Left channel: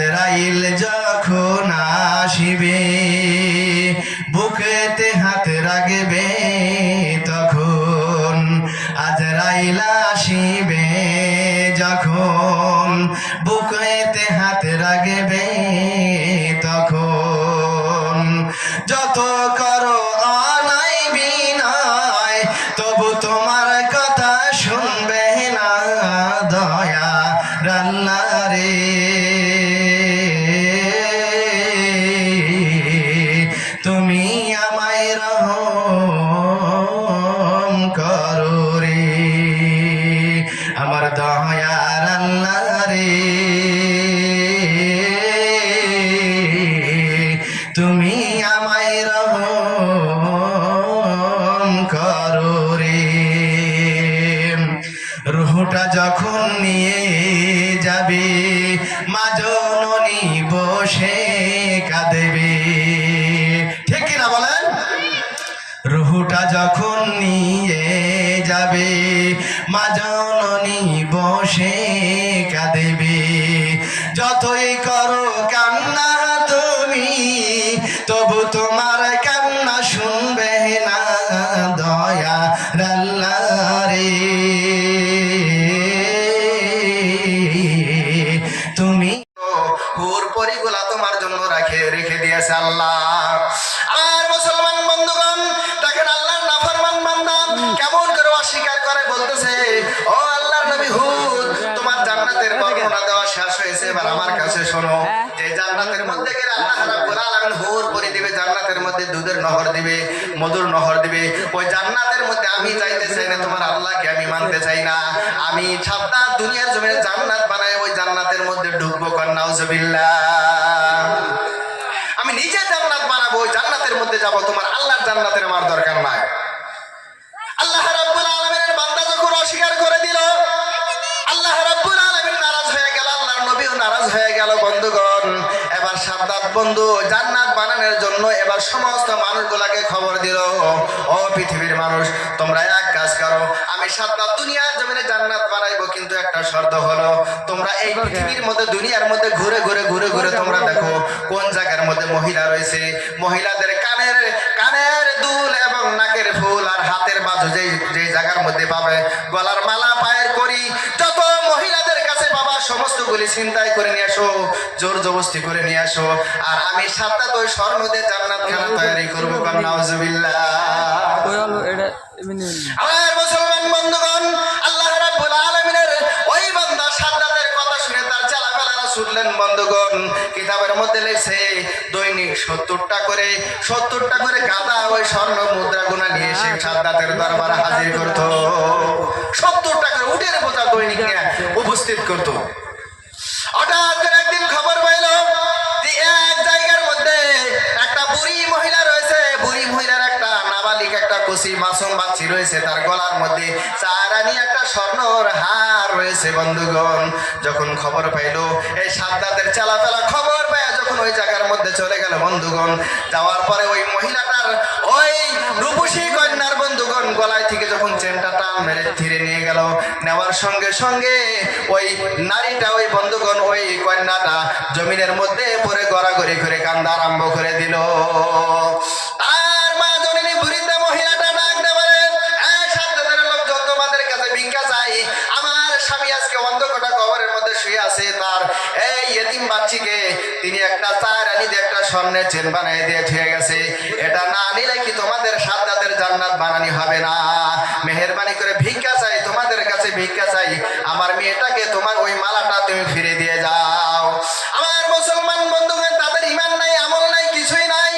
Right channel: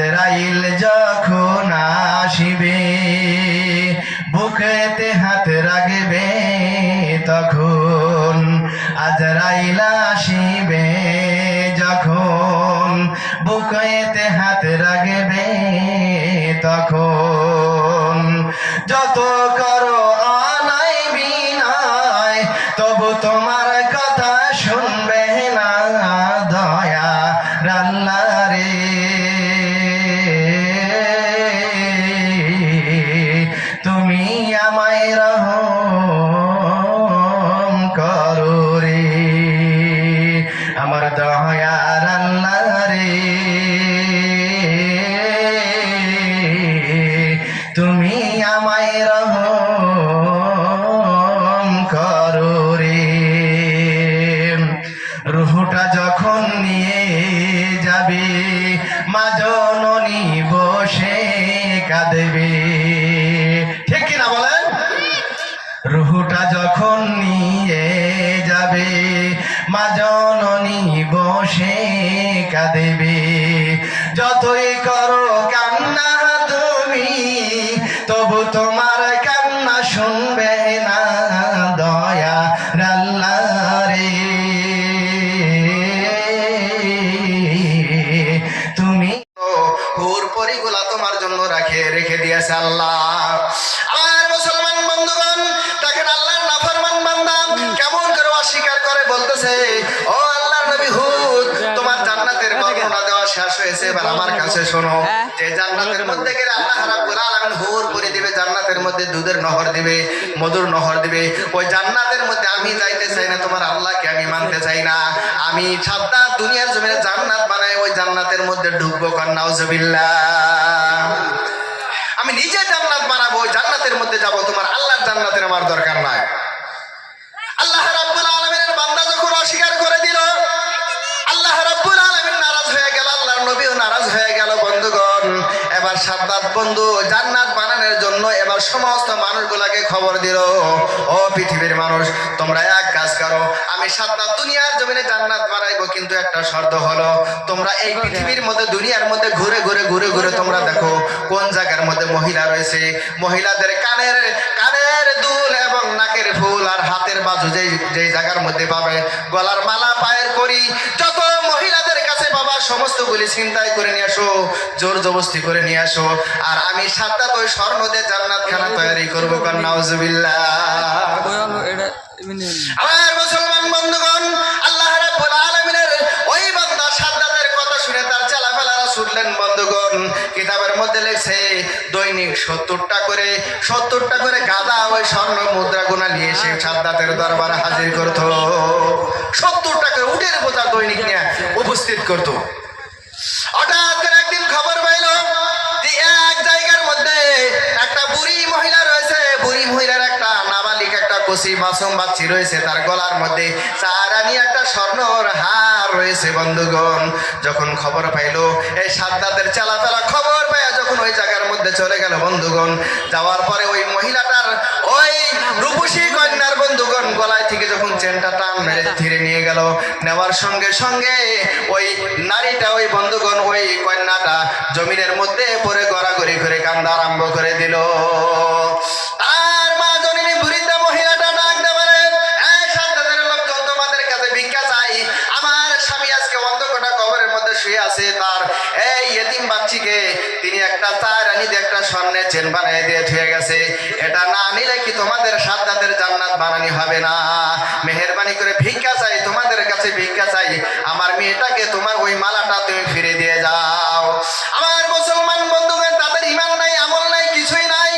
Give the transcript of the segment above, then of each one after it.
আজরাইল যখন আসিবে বুকেতে হাত রাখবে তখন আজরাইল আসিবে যখন বুকেতে হাত রাখবে তখন যত করো অনাই বিনয় তবু তোমার কথা শুনবে না দয়া আল্লাহ রে তুমি আমায় রহম করো রে আমার দয়ার আল্লাহ রে তুমি আমায় রহম করো রে রুহটা যখন নিয়ে যাবে মা জননী বসে কাঁদবে ঠিক কিনা বলেন রুহটা যখন নিয়ে যাবে মা জননী বসে কাঁদবে যতই করো কান্না তুমি তবু তোমার কান্না শুনবে না দয়া আল্লাহ রে তুমি হুর পরিগুলা তোমার জন্য রেখে দিয়েছে আল্লাহ আর মুসলমান বন্ধুগণ দেখেন আল্লাহর নাফরমান বান্দা কেমন করে অস্বীকার করে বলতেছে ও আল্লাহর নবী হুদ তোমার জান্নাতের বর্ণনা দেওয়া শেষ হয়েছে এবার আমার কাছে শোনো যে জান্নাতের মধ্যে গেলে আল্লাহ রাব্বুল আলামিন হুর করে দিবে জান্নাতের মধ্যে দুধের নহর দিবে মধুর নহর দিবে ওই জান্নাতের মধ্যে আমি যাইতে চাই না তোমার আল্লাহকে আমি মানতে চাই না আমি ছাড়া দুনিয়ার জমিনে জান্নাত বানাই ওই জান্নাতের মধ্যে ঢুকবো কার নাউজুবিল্লাহ আমি নিজে জান্নাত বানাবো ওই জান্নাতের মধ্যে যাব তোমার আল্লাহর জান্নাতের আমার দরকার নাই আল্লাহ রাব্বুল আলামিনের বান্দা যখন অস্বীকার করে দিল আল্লাহ রাব্বুল আলামিন নারাজ হয়ে গেল আল্লাহর নবীও নারাজ হয়ে গেল বন্ধুগণ এবার সাদ্দাত বন্ধু জান্নাত বানানোর জন্য এবার সমস্ত মানুষগুলাকে খবর দিল ও পৃথিবীর মানুষ তোমরা এক কাজ করো আমি সাদ্দাত দুনিয়ার জমিনে জান্নাত বানাইবো কিন্তু একটা শর্ত হলো তোমরা এই পৃথিবীর মধ্যে দুনিয়ার মধ্যে ঘুরে ঘুরে তোমরা দেখো কোন জায়গার মধ্যে মহিলা রয়েছে মহিলাদের কানের দুল এবং নাকের ফুল আর হাতের বাজু যেই জায়গার মধ্যে পাবে গলার মালা পায়ের করি যত মহিলাদের কাছে বাবা সমস্তগুলি চিন্তাই করে নিয়ে আসো জোর জবরদস্তি করে নিয়ে আসো আর আমি সাদ্দাত ওই স্বর্ণ দিয়ে জান্নাত খানা তৈরি করবো কার নাউজুবিল্লাহ আমার মুসলমান বন্ধুগণ আল্লাহ রাব্বুল আলামিনের ওই বান্দা সাদ্দাতের কথা শুনে তার চালাফেলারা শুনলেন বন্ধুগণ কিতাবের মধ্যে লেখছে দৈনিক 70টা করে গাদা ওই স্বর্ণ মুদ্রা গুনা নিয়ে এসে সাদ্দাতের দরবারে হাজির করতো 70টা করে উটের বোঝা দৈনিক নিয়ে উপস্থিত করতো হঠাৎ করে একদিন খবর পাইল যে এক জায়গার মধ্যে একটা বুড়ি মহিলা রয়েছে বুড়ি মহিলার একটা নাবালিক একটা কচি মাসুম বাচ্চি রয়েছে তার গলার মধ্যে চারানি একটা স্বর্ণর হার রয়েছে বন্ধুগণ যখন খবর পাইল এই সাদ্দাতের চালাফেলা খবর পেয়ে যখন ওই জায়গার মধ্যে চলে গেল বন্ধুগণ যাওয়ার পরে ওই মহিলাটার ওই রূপসী কন্যার বন্ধুগণ গলায় থেকে যখন চেনটা টান মেরে ধীরে নিয়ে গেল নেওয়ার সঙ্গে সঙ্গে ওই নারীটা ওই বন্ধুগণ ওই কন্যাটা জমিনের মধ্যে পড়ে গড়াগড়ি করে কান্দা আরম্ভ করে দিল আর মা জননী বুড়িতে মহিলাটা ডাক দেবারে এই সাদ্দাতের লোকজন তোমাদের কাছে ভিক্ষা চাই আমার স্বামী আজকে অন্ধকার কবরের মধ্যে শুয়ে আছে তার এই ইতিম বাচ্চিকে তিনি একটা চারানি দিয়ে একটা স্বর্ণের চেন বানিয়ে দিয়ে থুয়ে গেছে এটা না নিলে কি তোমাদের সাদ্দাতের জান্নাত বানানি হবে না মেহেরবানি করে ভিক্ষা চাই তোমাদের কাছে ভিক্ষা চাই আমার মেয়েটাকে তোমার ওই মালাটা তুমি ফিরে দিয়ে যাও আমার মুসলমান বন্ধুগণ তাদের ঈমান নাই আমল নাই কিছুই নাই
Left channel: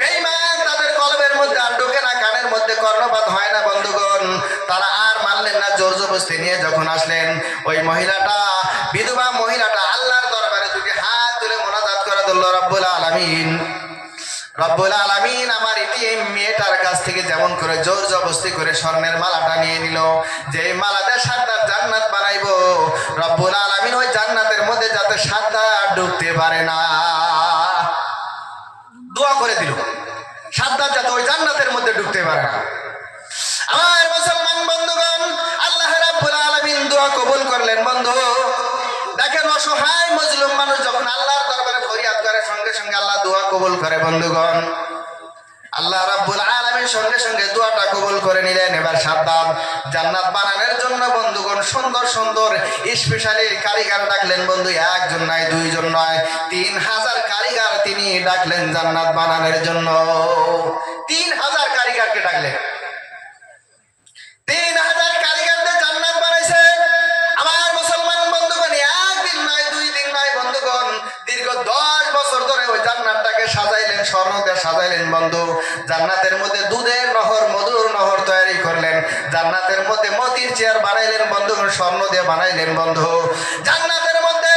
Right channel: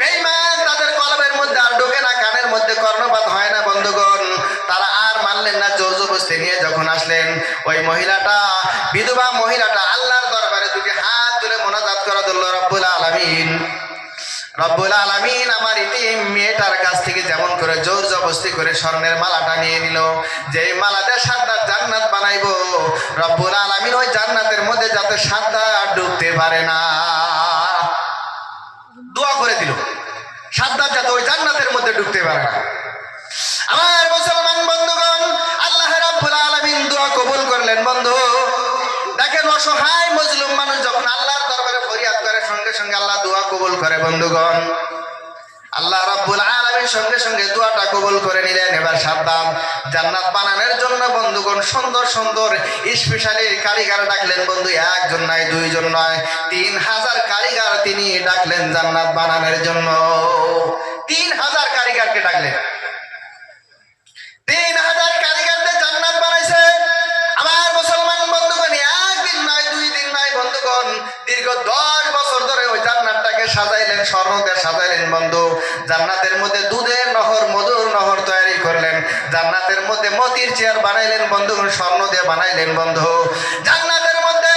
বেঈমান তাদের কলবের মধ্যে আর ঢোকে না কানের মধ্যে কর্ণপাত হয় না বন্ধুগণ তারা আর মানলেন না জোর জবরদস্তি নিয়ে যখন আসলেন ওই মহিলাটা বিধবা মহিলাটা আল্লাহর দরবারে দুটি হাত তুলে মোনাজাত করে দিল রব্বুল আলামিন আমার ইতিম মেয়েটার কাছ থেকে যেমন করে জোর জবরদস্তি করে স্বর্ণের মালাটা নিয়ে নিল যে মালাটা সাদ্দাত জান্নাত বানাইবো রব্বুল আলামিন ওই জান্নাতের মধ্যে যাতে সাদ্দাত ঢুকতে পারে না দোয়া করে দিল সাদ্দাত যাতে ওই জান্নাতের মধ্যে ঢুকতে পারে না আমার মুসলমান বন্ধুগণ আল্লাহ রাব্বুল আলামিন দোয়া কবুল করলেন বন্ধু দেখেন অসহায় মজলুম মানুষ যখন আল্লাহর দোয়া কবুল করে বন্ধুগণ। আল্লাহ রাব্বুল আলামিন সঙ্গে সঙ্গে দোয়াটা কবুল করে নিলেন। এবার সাদ্দাত জান্নাত বানানোর জন্য বন্ধুগণ সুন্দর সুন্দর স্পেশালি কারিগর ডাকলেন বন্ধু। একজন নয়, দুইজন নয়, 3000 কারিগর তিনি ডাকলেন জান্নাত বানানোর জন্য। 3000 কারিগরকে ডাকলেন। 3000 কারিগরদের জান্নাত বানাইছে। আমার মুসলমান বন্ধুগণ, একদিন নয়, 2 দিন নয় বন্ধুগণ, দীর্ঘ 10 বছর ধরে ওই জান্নাতটাকে সাজাইলেন, স্বর্ণ দিয়ে সাজাইলেন বন্ধু। জান্নাতের মধ্যে দুধের নহর, মধুর নহর তৈরি করলেন। জান্নাতের মধ্যে মতির চেয়ার বানাইলেন বন্ধুগণ, স্বর্ণ দিয়ে বানাইলেন বন্ধু। জান্নাতের মধ্যে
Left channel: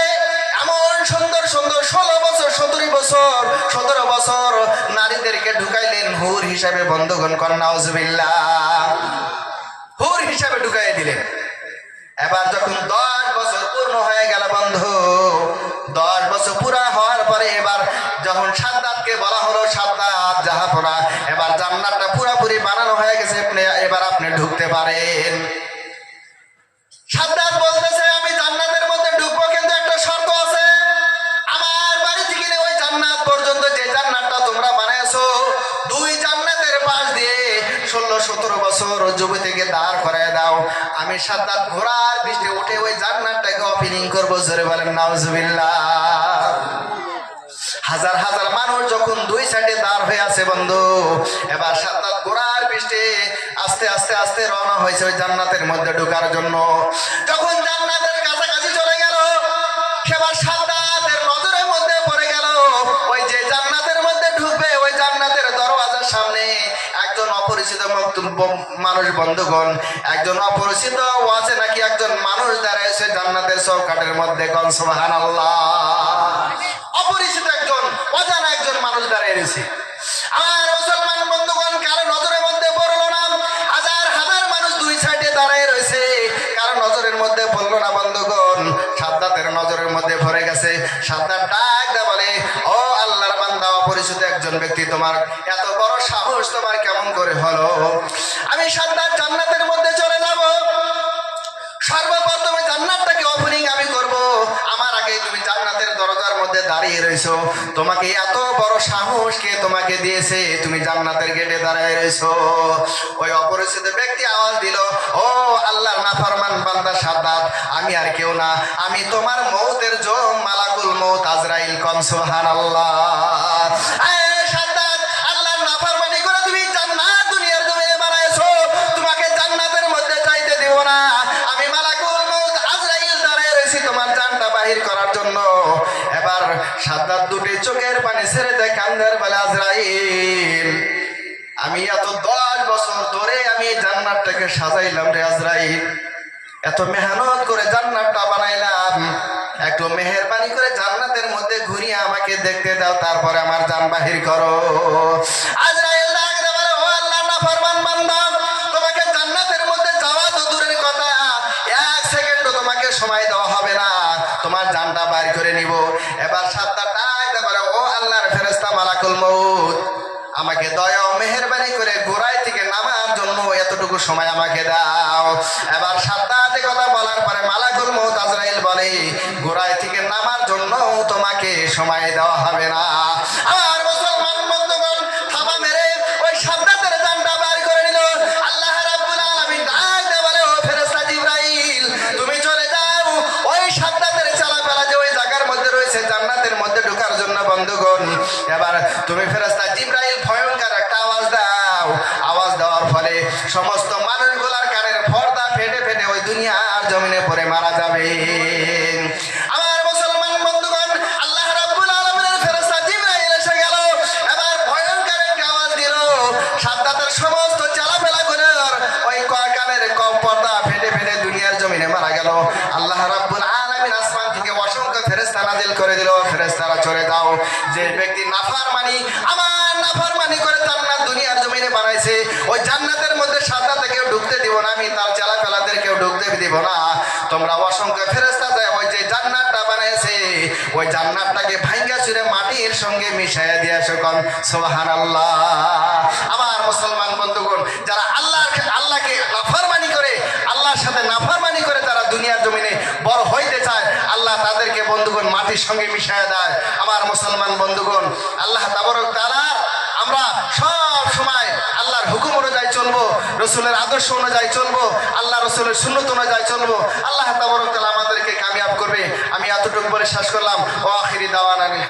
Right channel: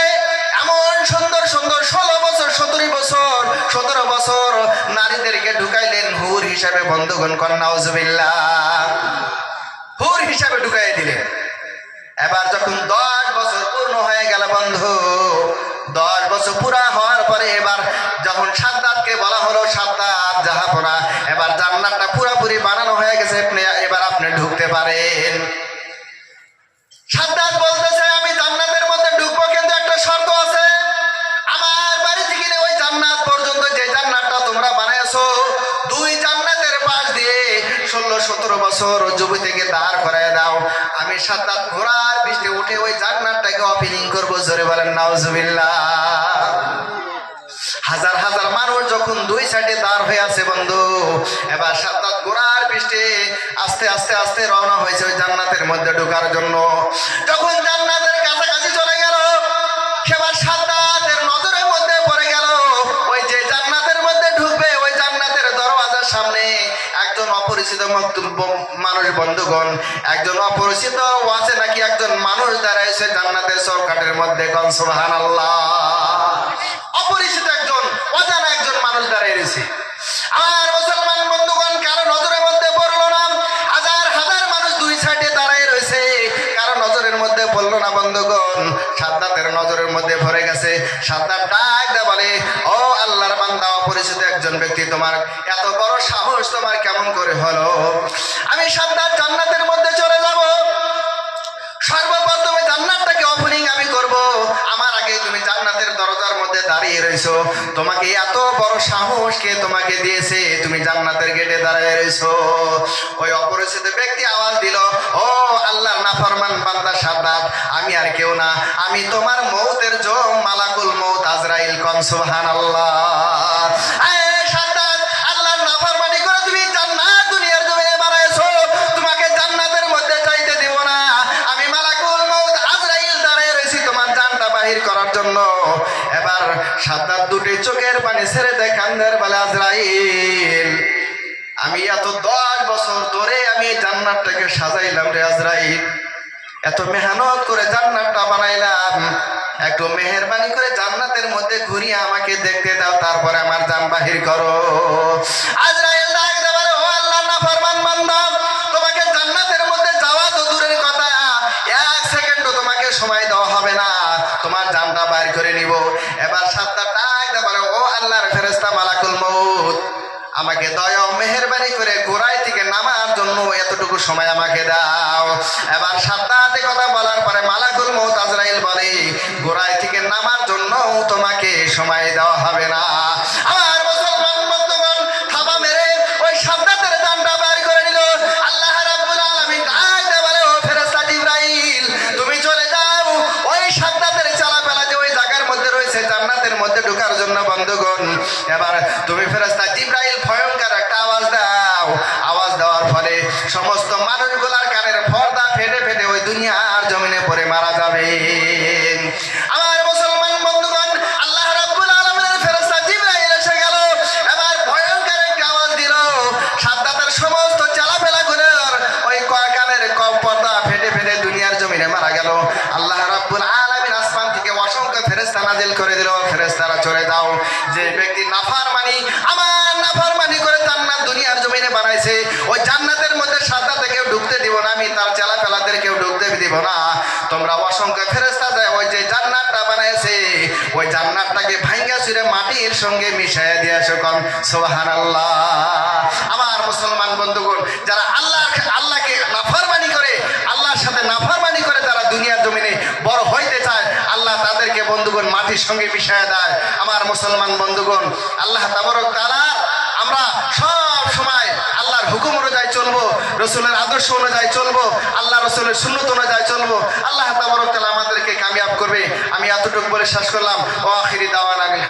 এমন সুন্দর সুন্দর 16 বছর, 17 বছর নারীদেরকে ঢুকাইলেন হুর হিসাবে বন্ধুগণ। কন্নাউজুবিল্লাহ, হুর হিসাবে ঢুকাই দিলেন। এবার যখন 10 বছর পূর্ণ হয়ে গেল বন্ধু, 10 বছর পুরা হওয়ার পরে এবার যখন সাদ্দাতকে বলা হলো, সাদ্দাত জাহাপনা, এবার জান্নাতটা পুরাপুরি বানানো হয়ে গেছে, এবার আপনি ঢুকতে পারেন। সাদ্দাত বলতেছে, আমি জান্নাতের মধ্যে ঢুকবো, কিন্তু একটা শর্ত আছে। আমার বাড়ি থেকে ওই জান্নাত পর্যন্ত যে জান্নাতটা তোমরা বানাইছো, 2 জান্নাতের পাশ দিয়ে 16-17 বছর যুবতীকে দাঁড় করায় দাও। আমি সাদ্দাত ঘোড়ার পিঠে উঠে ওই জান্নাতটাকে ওপেনিং করবো। জোরে বলেন নাউজুবিল্লাহ। হাজার হাজার মানুষ যখন 2 সাইডে দাঁড় হয়ে আছে বন্ধু, এবার সাদ্দাত ঘোড়ার পিঠে আস্তে আস্তে আস্তে রওনা হয়েছে ওই জান্নাতের মধ্যে ঢোকার জন্য। যখন জান্নাতের কাছাকাছি চলে গেল, সেবার সাদ্দাতের নজরের মধ্যে পড়ে গেল ওই যে জান্নাতের মধ্যে ঢুকবে, ওই জান্নাতের দরওয়াজার সামনে একজন অপরিচিত মানুষ বন্ধুগণ, একজন অপরিচিত আছে নাকি একজন মানুষ দাঁড়াইছে জান্নাতের চৌকাঠের মধ্যে। কোন সুবহানাল্লাহ। অপরিচিত একজন, অজানা একজন মানুষ দাঁড়িয়ে রয়েছে। আমার মুসলমান বন্ধুগণ, কারো নজরের মধ্যে পড়লো না। হাজার হাজার মানুষ 2 সাইডে দাঁড়িয়ে রয়েছে, কারো নজরের মধ্যে পড়লো না বন্ধুগণ। সাদ্দাতের নজরের মধ্যে ভরে গেছে। সাদ্দাত ডাক দে বলে, ও আল্লাহর বান্দা, অপরিচিত একজন ব্যক্তি, তোমার এত বড় সাহস তোমার কেমন করে হলো? আমি সাদ্দাত জান্নাতের মধ্যে চলে যাব, সর্বপ্রথমে জান্নাতটাকে ওপেনিং আমি করব। আমার আগে তুমি জান্নাতের দরজার মধ্যে দাঁড়িয়ে রইছো। তোমাকে এত বড় সাহস কে তোমাকে দিয়েছে? তুমি জান্নাতের গেটে দাঁড়িয়ে রইছো। ওই অপরিচিত ব্যক্তি আওয়াজ দিল, ও আল্লাহর নাফরমান বান্দা সাদ্দাত, আমি আর কেউ না, আমি তোমার মৌতের জম মালাকুল মৌত আজরাইল। কোন সুবহানাল্লাহ। সাদ্দাত, আল্লাহর নাফরমানি করে তুমি জান্নাত দুনিয়ার জমিনে বানাইছো, তোমাকে জান্নাতের মধ্যে যাইতে দেব না। আমি মালাকুল মউত আজরাইল দাঁড়িয়ে রয়েছি তোমার জানটা বাহির করার জন্য। এবার সাদ্দাত 2টি চোখের পানি ছেড়ে দেয়, কান্দের বলে, আজরাইল, আমি এত 10 বছর ধরে আমি এই জান্নাতটাকে সাজাইলাম রে আজরাইল, এত মেহনত করে জান্নাতটা বানাইলাম, একটু মেহেরবানি করে জান্নাতের মধ্যে ঘুরিয়ে আমাকে দেখতে দাও, তারপরে আমার জান বাহির করো। আজরাইল ডাক দে বলে, ও আল্লাহর নাফরমান বান্দা, তোমাকে জান্নাতের মধ্যে যাওয়া তো দূরের কথা, 1 সেকেন্ডও তোমাকে সময় দেওয়া হবে না, তোমার জানটা বাইর করে নিব। এবার সাদ্দাত ডাক দে বলে, ও আল্লাহর ফেরেশতা মালাকুল মউত, আমাকে দয়া মেহেরবানি করে গোড়ায় থেকে নামার জন্য এতটুকু সময় আমাকে দাও। এবার সাদ্দাতে কথা বলার পরে মালাকুল মউত আজরাইল বলে, গোড়ায় থেকে নামার জন্য তোমাকে সময় দেওয়া হবে না। আমার মুসলমান বন্ধুগণ, থাবা মেরে ওই সাদ্দাতের জানটা বের করে নিল। আল্লাহ রাব্বুল আলামিন ডাক দিয়ে বলে, ও ফেরেশতা জিবরাইল, তুমি চলে যাও ওই সাদ্দাতের চালাপালা যে ওই জায়গার মধ্যে রয়েছে জান্নাতের মধ্যে ঢোকার জন্য বন্ধুগণ। এবার তুমি ফেরেশতা জিবরাইল ভয়ঙ্কর একটা আওয়াজ দাও। আওয়াজ দেওয়ার ফলে সমস্ত মানুষগুলার কানের পর্দা ফেটে ফেটে ওই দুনিয়ার জমিনে পড়ে মারা যাবে। আমার মুসলমান বন্ধুগণ, আল্লাহ রাব্বুল আলামিনের ফেরেশতা জিবরাইল এসে গেল। এবার ভয়ঙ্কর একটা আওয়াজ দিল। সাদ্দাতের সমস্ত চালাফেলাগুলোর ওই কানের পর্দা ফেটে ফেটে দুনিয়ার জমিনে মারা গেল। আল্লাহ রাব্বুল আলামিন আসমান থেকে অসংখ্য ফেরেশতা নাজিল করে দিল, ফেরেশতারা চলে যাও। যে ব্যক্তি নাফরমানি, আমার নাফরমানি করে জান্নাত দুনিয়ার জমিনে বানাইছে, ওই জান্নাতের মধ্যে সাদ্দাতে কেউ ঢুকতে দিব না, আমি তার চালাফেলাদের কেউ ঢুকতে দিব না। তোমরা অসংখ্য ফেরেশতা যায় ওই যে জান্নাতটা বানাইছে, ওই জান্নাতটাকে ভাঙ্গা চুরে মাটির সঙ্গে মিশাইয়া দিয়ে আসো। কোন সুবহানাল্লাহ। আমার মুসলমান বন্ধুগণ, যারা আল্লাহকে নাফরমানি করে, আল্লাহর সাথে নাফরমানি করে যারা দুনিয়ার জমিনে বড় হইতে চায়, আল্লাহ তাদের আমাদেরকে বন্ধুগণ মাটির সঙ্গে মিশায় দেয়। আমার মুসলমান বন্ধুগণ, আল্লাহ তাবারক তাআলা আমরা সব সময় আল্লাহর হুকুম অনুযায়ী চলবো, রসুলের আদর্শ অনুযায়ী চলবো, আল্লাহ রসুলের সুন্নত অনুযায়ী চলবো। আল্লাহ তাবারক তাআলা আমাদেরকে কামিয়াব করবে। আমি এতটুকু বলে শেষ করলাম। ওয়া আখিরি দাওয়ানা।